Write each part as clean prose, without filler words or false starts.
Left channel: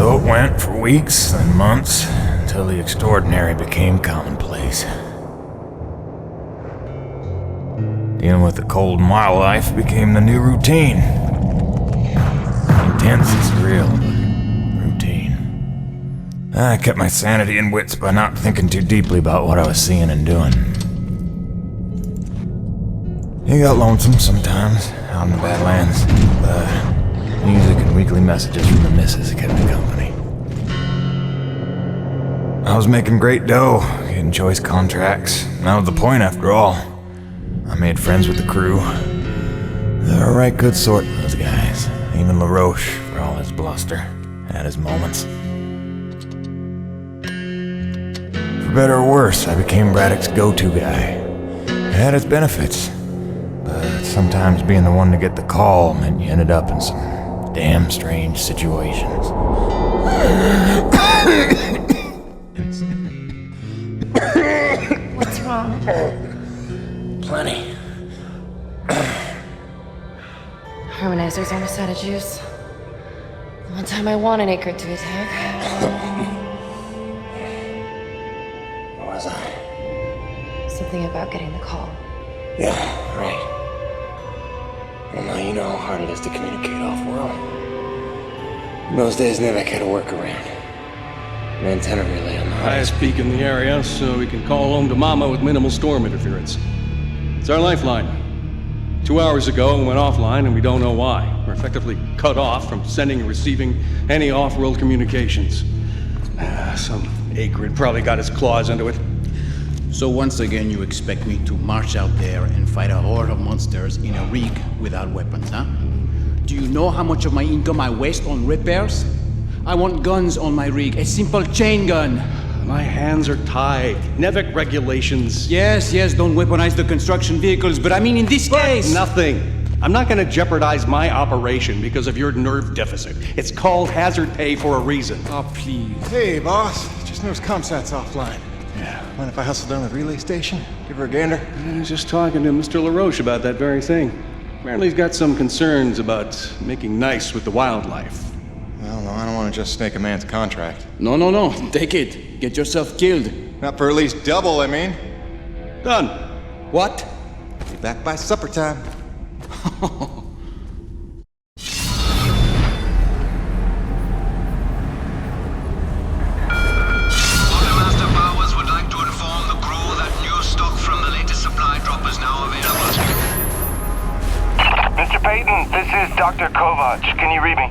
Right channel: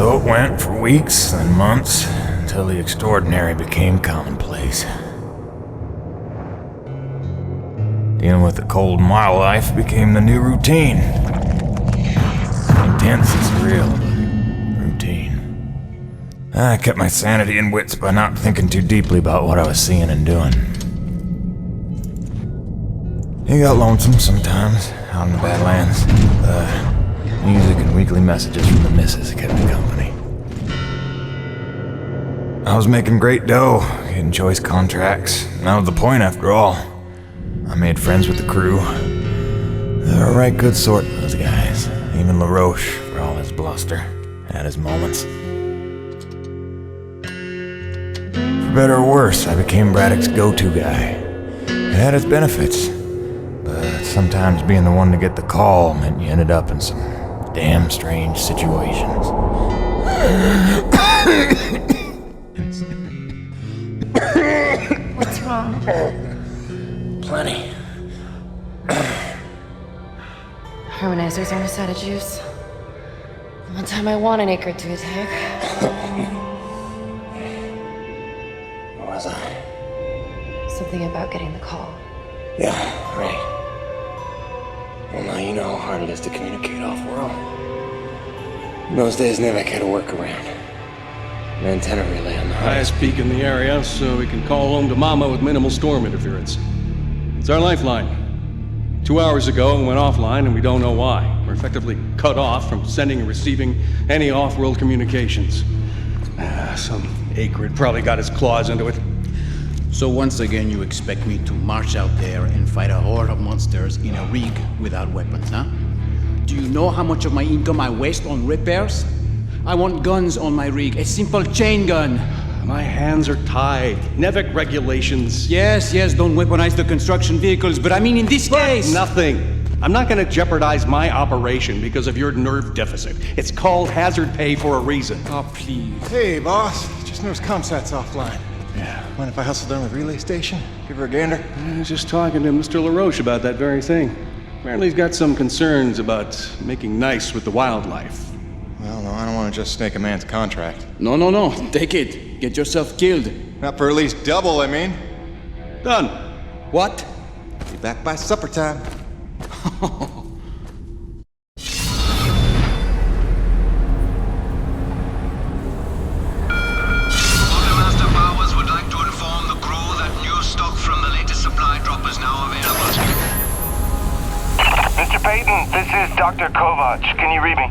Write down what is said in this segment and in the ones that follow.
So it went for weeks and months, until the extraordinary became commonplace. Dealing with the cold and wild life became the new routine. Intense and surreal, but routine. I kept my sanity and wits by not thinking too deeply about what I was seeing and doing. It got lonesome sometimes, out in the Badlands. Music and weekly messages from the missus kept me company. I was making great dough, getting choice contracts, and that was the point after all. I made friends with the crew. They're a right good sort, those guys. Even LaRoche, for all his bluster, had his moments. For better or worse, I became Braddock's go-to guy. It had its benefits, but sometimes being the one to get the call meant you ended up in some damn strange situations. What's wrong? Plenty. Harmonizers aren't a side of juice. The one time I want an acre to attack. Where was I? Something about getting the call. Yeah, right. Well, now you know how hard it is to communicate off-world. In those days, Nivek had a workaround. An antenna relay on the highest peak in the area, so we can call home to Mama with minimal storm interference. It's our lifeline. 2 hours ago, we went offline, and we don't know why. We're effectively cut off from sending and receiving any off-world communications. Some acrid probably got his claws into it. So once again, you expect me to march out there and fight a horde of monsters in a rig without weapons, huh? Do you know how much of my income I waste on repairs? I want guns on my rig, a simple chain gun. My hands are tied. Nevik regulations. Yes, don't weaponize the construction vehicles, but I mean in this case... Nothing. I'm not gonna jeopardize my operation because of your nerve deficit. It's called hazard pay for a reason. Oh, please. Hey, boss. Just noticed ComSat's offline. Yeah. Mind if I hustle down to the relay station? Give her a gander? I was just talking to Mr. LaRoche about that very thing. Apparently he's got some concerns about making nice with the wildlife. Well, no, I don't want to just snake a man's contract. No. Take it. Get yourself killed. Not for at least double, I mean. Done. What? Be back by supper time. Master Powers would like to inform the crew that new stock from the latest supply drop is now available. Mr. Payton, this is Dr. Kovac. Can you read me?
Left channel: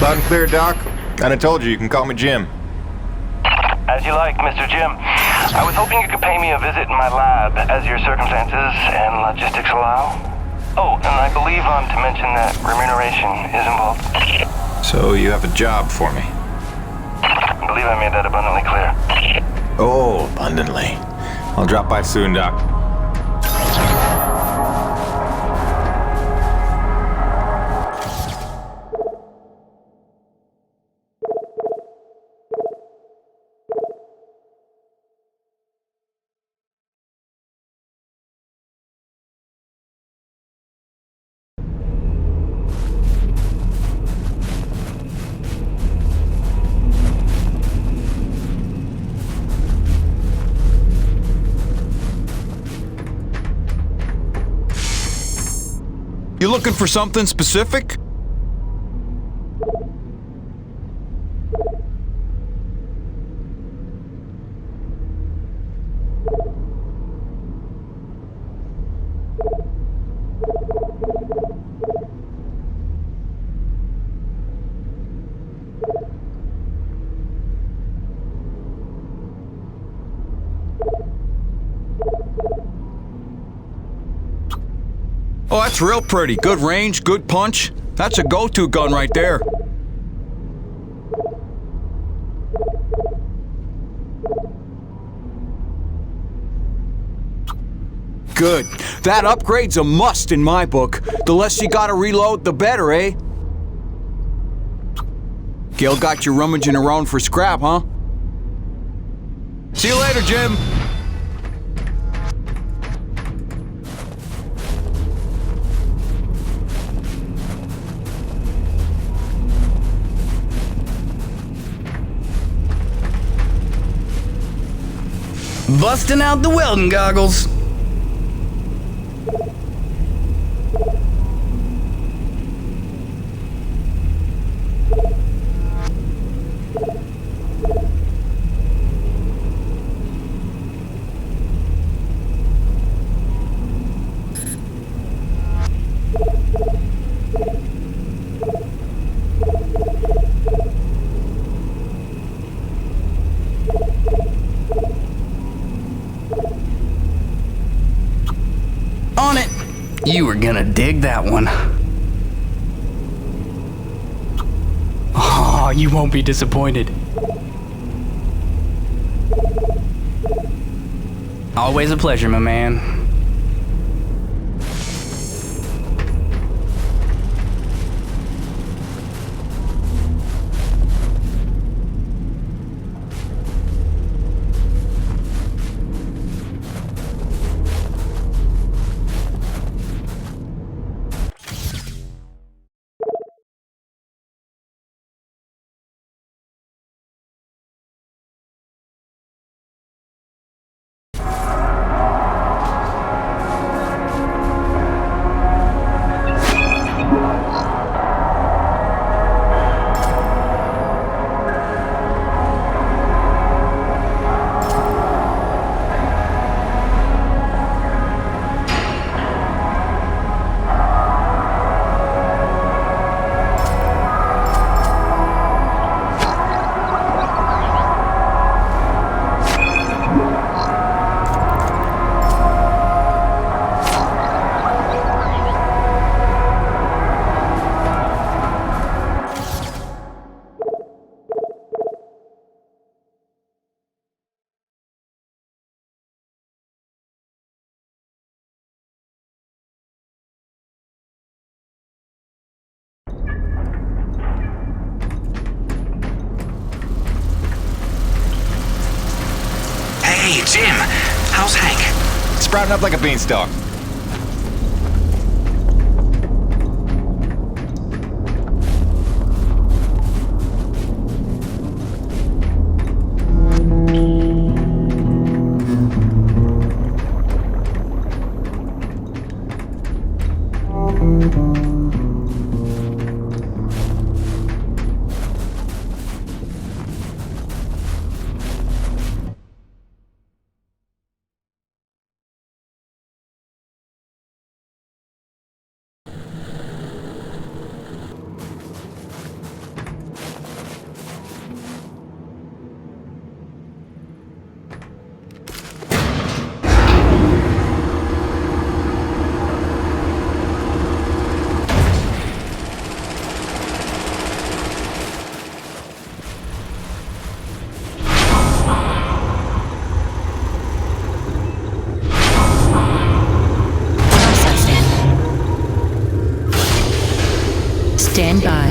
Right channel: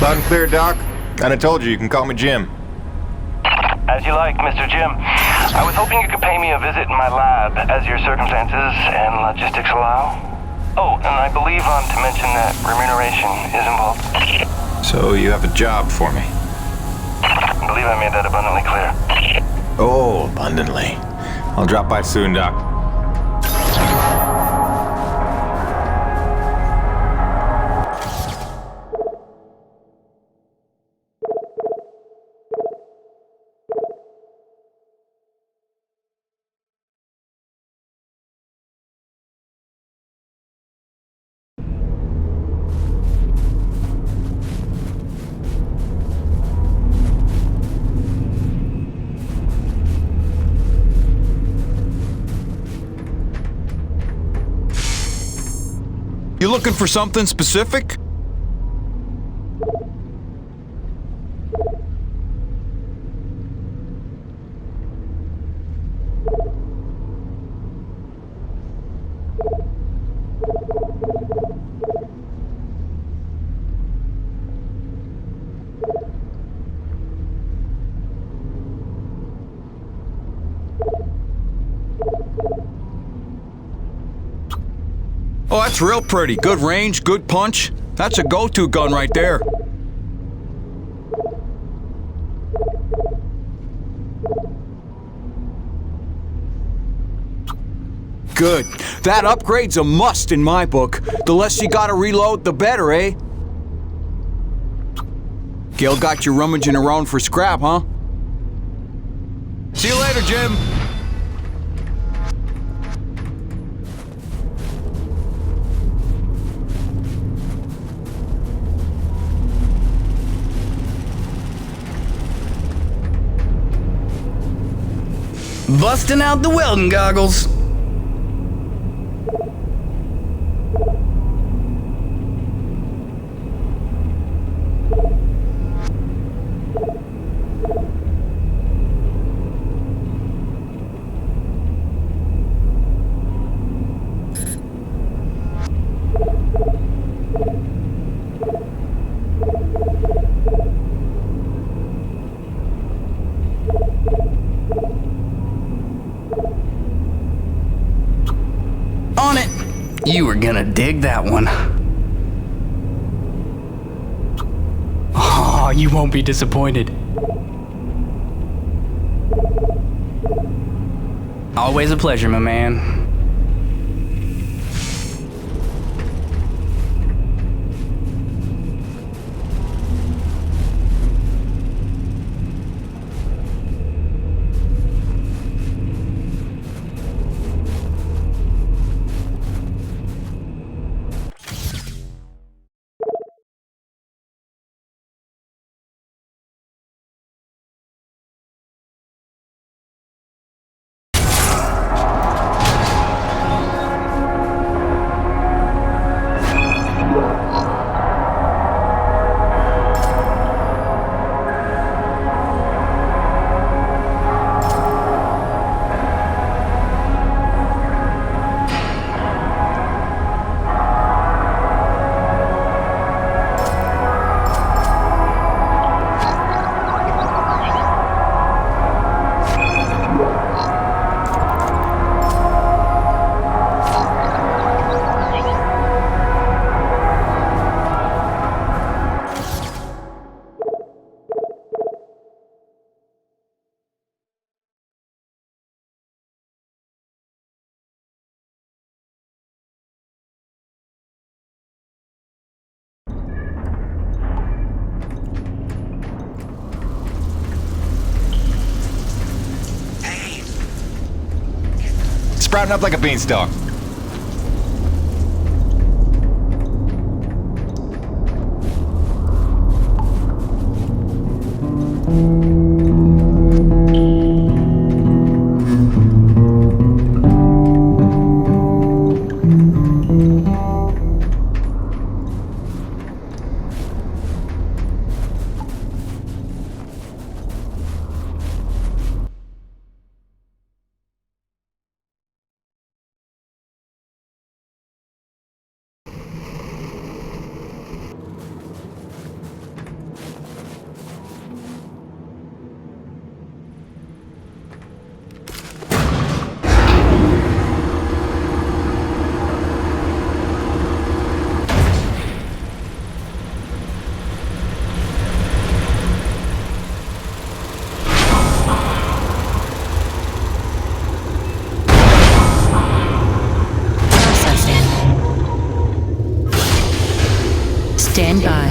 Loud and clear, Doc. Kinda told you can call me Jim. As you like, Mr. Jim. I was hoping you could pay me a visit in my lab as your circumstances and logistics allow. Oh, and I believe I'm to mention that remuneration is involved. So you have a job for me? I believe I made that abundantly clear. Oh, abundantly. I'll drop by soon, Doc. You looking for something specific? Oh, that's real pretty. Good range, good punch. That's a go-to gun right there. Good. That upgrade's a must in my book. The less you gotta reload, the better, eh? Gil got you rummaging around for scrap, huh? See you later, Jim. Busting out the welding goggles. On it. You were gonna dig that one. Oh, you won't be disappointed. Always a pleasure, my man. Hey, Jim. How's Hank? Sprouting up like a beanstalk. Stand by.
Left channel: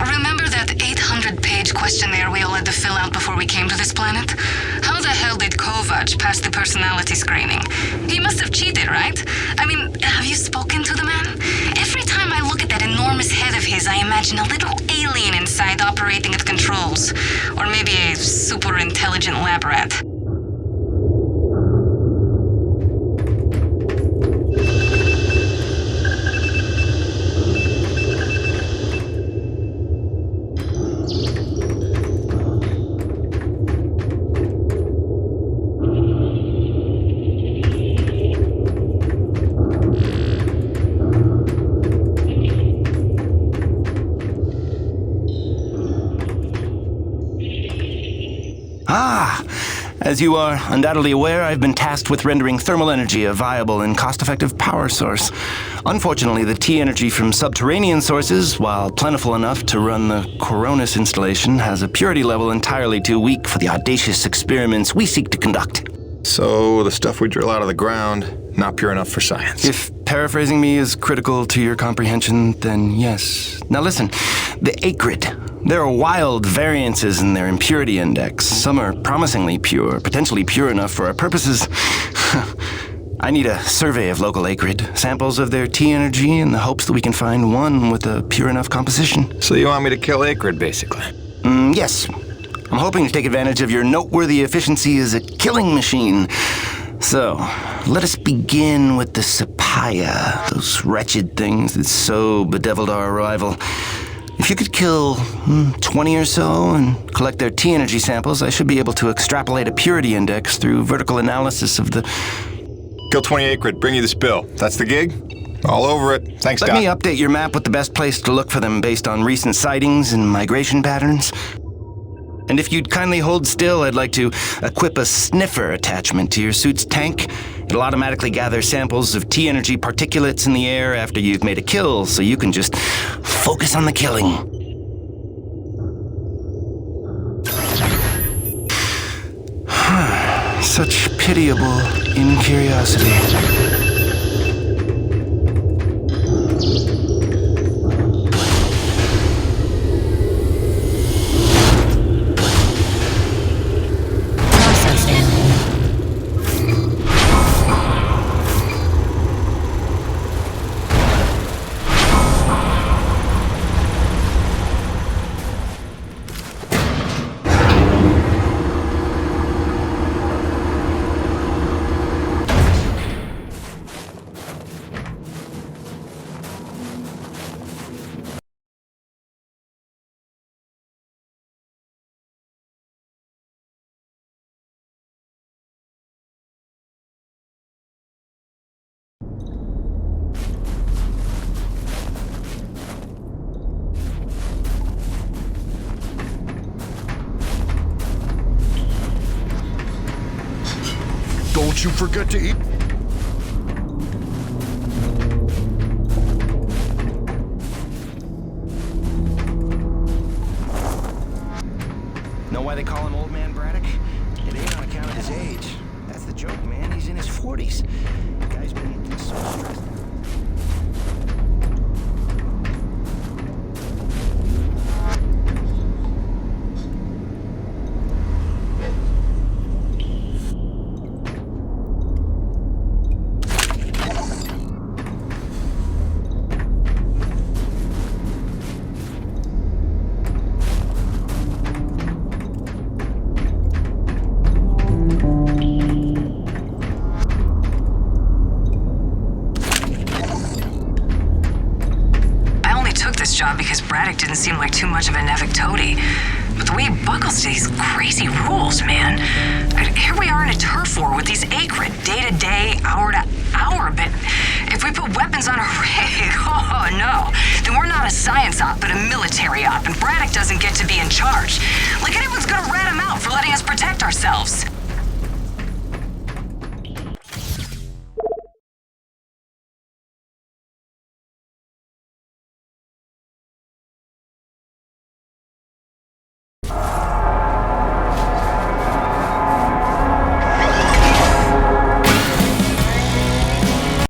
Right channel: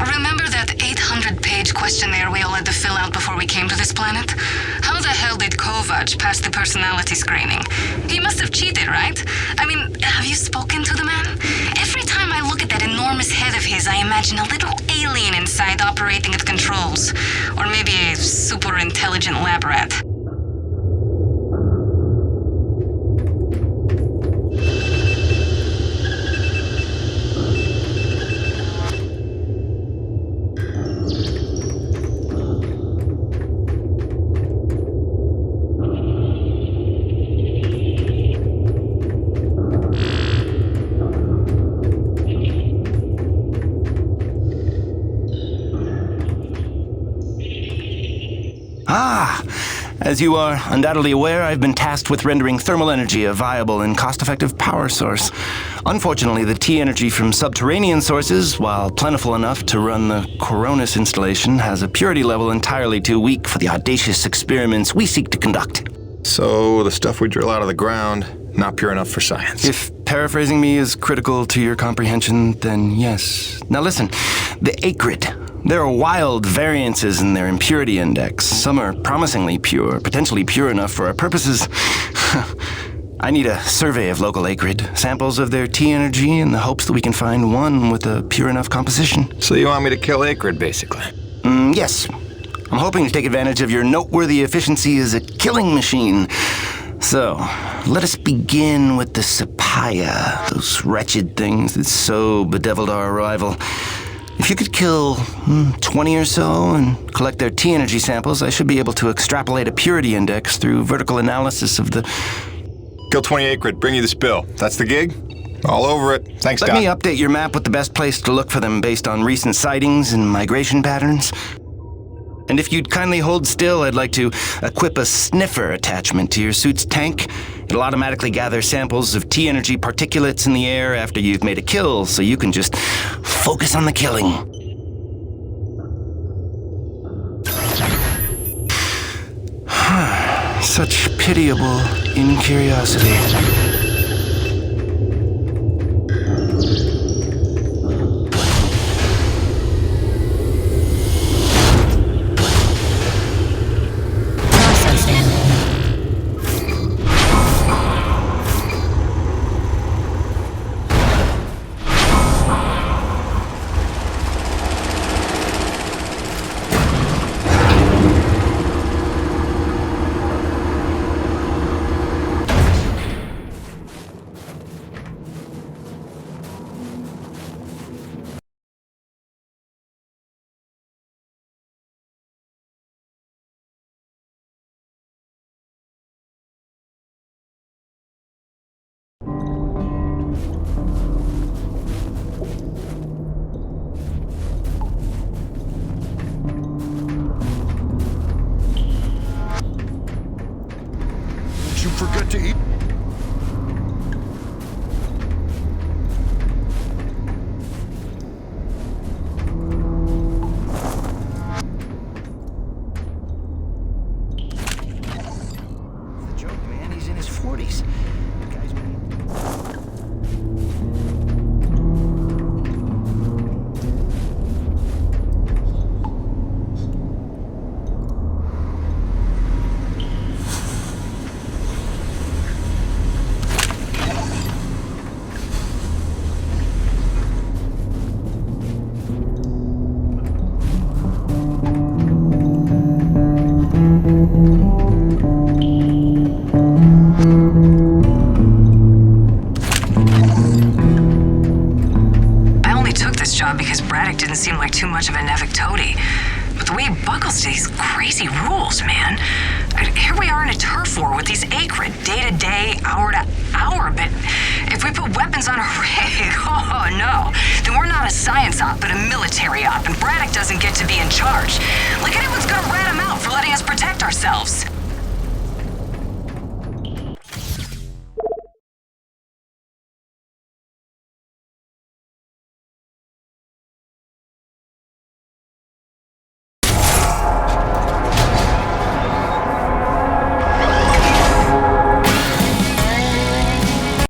Remember that 800-page questionnaire we all had to fill out before we came to this planet? How the hell did Kovac pass the personality screening? He must have cheated, right? I mean, have you spoken to the man? Every time I look at that enormous head of his, I imagine a little alien inside operating at controls. Or maybe a super intelligent lab rat. As you are undoubtedly aware, I've been tasked with rendering thermal energy a viable and cost-effective power source. Unfortunately, the T-energy from subterranean sources, while plentiful enough to run the Coronis installation, has a purity level entirely too weak for the audacious experiments we seek to conduct. So, the stuff we drill out of the ground, not pure enough for science. If paraphrasing me is critical to your comprehension, then yes. Now listen, the acrid. There are wild variances in their impurity index. Some are promisingly pure, potentially pure enough for our purposes. I need a survey of local acrid, samples of their T-energy in the hopes that we can find one with a pure enough composition. So you want me to kill acrid, basically? Yes. I'm hoping to take advantage of your noteworthy efficiency as a killing machine. So, let us begin with the Sapaya, those wretched things that so bedeviled our arrival. If you could kill 20 or so and collect their T-energy samples, I should be able to extrapolate a purity index through vertical analysis of the... Kill 20 acrid, bring you the spill. That's the gig? All over it. Thanks, Doc. Let me update your map with the best place to look for them based on recent sightings and migration patterns. And if you'd kindly hold still, I'd like to equip a sniffer attachment to your suit's tank. It'll automatically gather samples of T-energy particulates in the air after you've made a kill, so you can just focus on the killing. Such pitiable incuriosity. Don't you forget to eat. Know why they call him Old Man Braddock? It ain't on account of his age. That's the joke, man. He's in his 40s. The guy's been... Because Braddock didn't seem like too much of a Nevik toady. But the way he buckles to these crazy rules, man. Here we are in a turf war with these acrid, day to day, hour to hour, but if we put weapons on a rig, oh no, then we're not a science op, but a military op, and Braddock doesn't get to be in charge. Like anyone's gonna rat him out for letting us protect ourselves.